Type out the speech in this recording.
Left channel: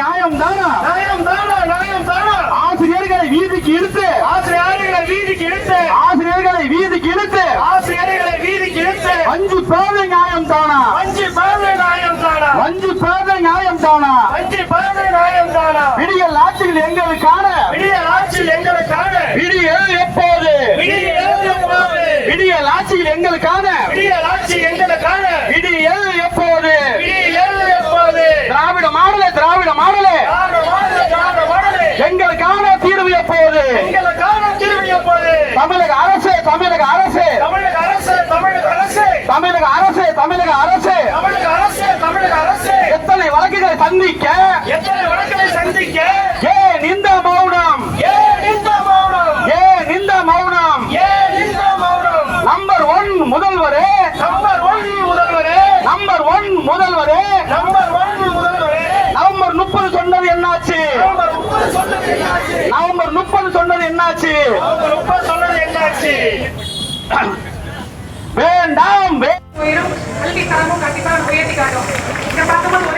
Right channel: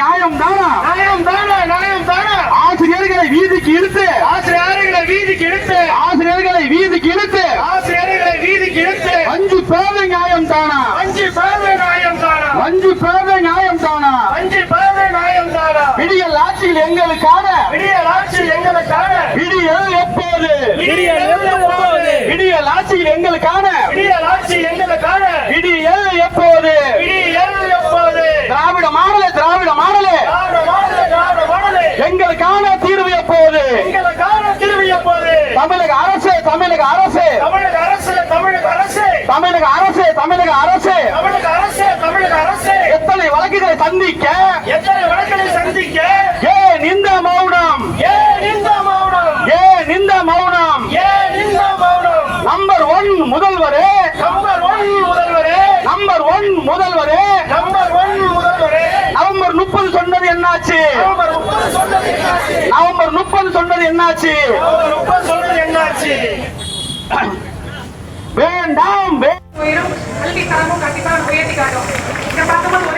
நியாயம் தானா? நியாயம் தானா? நியாயம் தானா? ஆசிரியர்களை வீதிக்கு இழுத்து ஆசிரியர்களை வீதிக்கு இழுத்து ஆசிரியர்களை வீதிக்கு இழுத்து ஆசிரியர்களை வீதிக்கு இழுத்து அஞ்சு பேத நியாயம் தானா? அஞ்சு பேத நியாயம் தானா? அஞ்சு பேத நியாயம் தானா? அஞ்சு பேத நியாயம் தானா? விடியல் ஆட்சியில் எங்களுக்கான விடியல் ஆட்சியில் எங்களுக்கான விடியல் எப்போது? விடியல் எப்போது? விடியல் ஆட்சியில் எங்களுக்கான விடியல் ஆட்சி எங்களுக்கான விடியல் எப்போது? விடியல் எப்போது? திராவிட மாடலே திராவிட மாடலே திராவிட மாடலே திராவிட மாடலே எங்களுக்கான தீர்வு எப்போது? எங்களுக்கான தீர்வு எப்போது? தமிழக அரசு தமிழக அரசு தமிழக அரசு தமிழக அரசு தமிழக அரசு தமிழக அரசு தமிழக அரசு தமிழக அரசு எத்தனை வழக்குகளை சந்திக்க எத்தனை வழக்குகளை சந்திக்க ஏன் இந்த மௌனம்? ஏன் இந்த மௌனம்? ஏன் இந்த மௌனம்? ஏன் இந்த மௌனம்? நம்பர் 1 முதல்வரே நம்பர் 1 முதல்வரே நம்பர் 1 முதல்வரே நம்பர் 1 முதல்வரே நவம்பர் 30 சொன்னது என்னாச்சு? நவம்பர் 30 சொன்னது என்னாச்சு? நவம்பர் 30 சொன்னது என்னாச்சு? நவம்பர் 30 சொன்னது என்னாச்சு? வேண்டாம் கல்வி தரமும் கண்டிப்பாக உயர்த்தி காட்டும். இங்க பார்க்கும்போது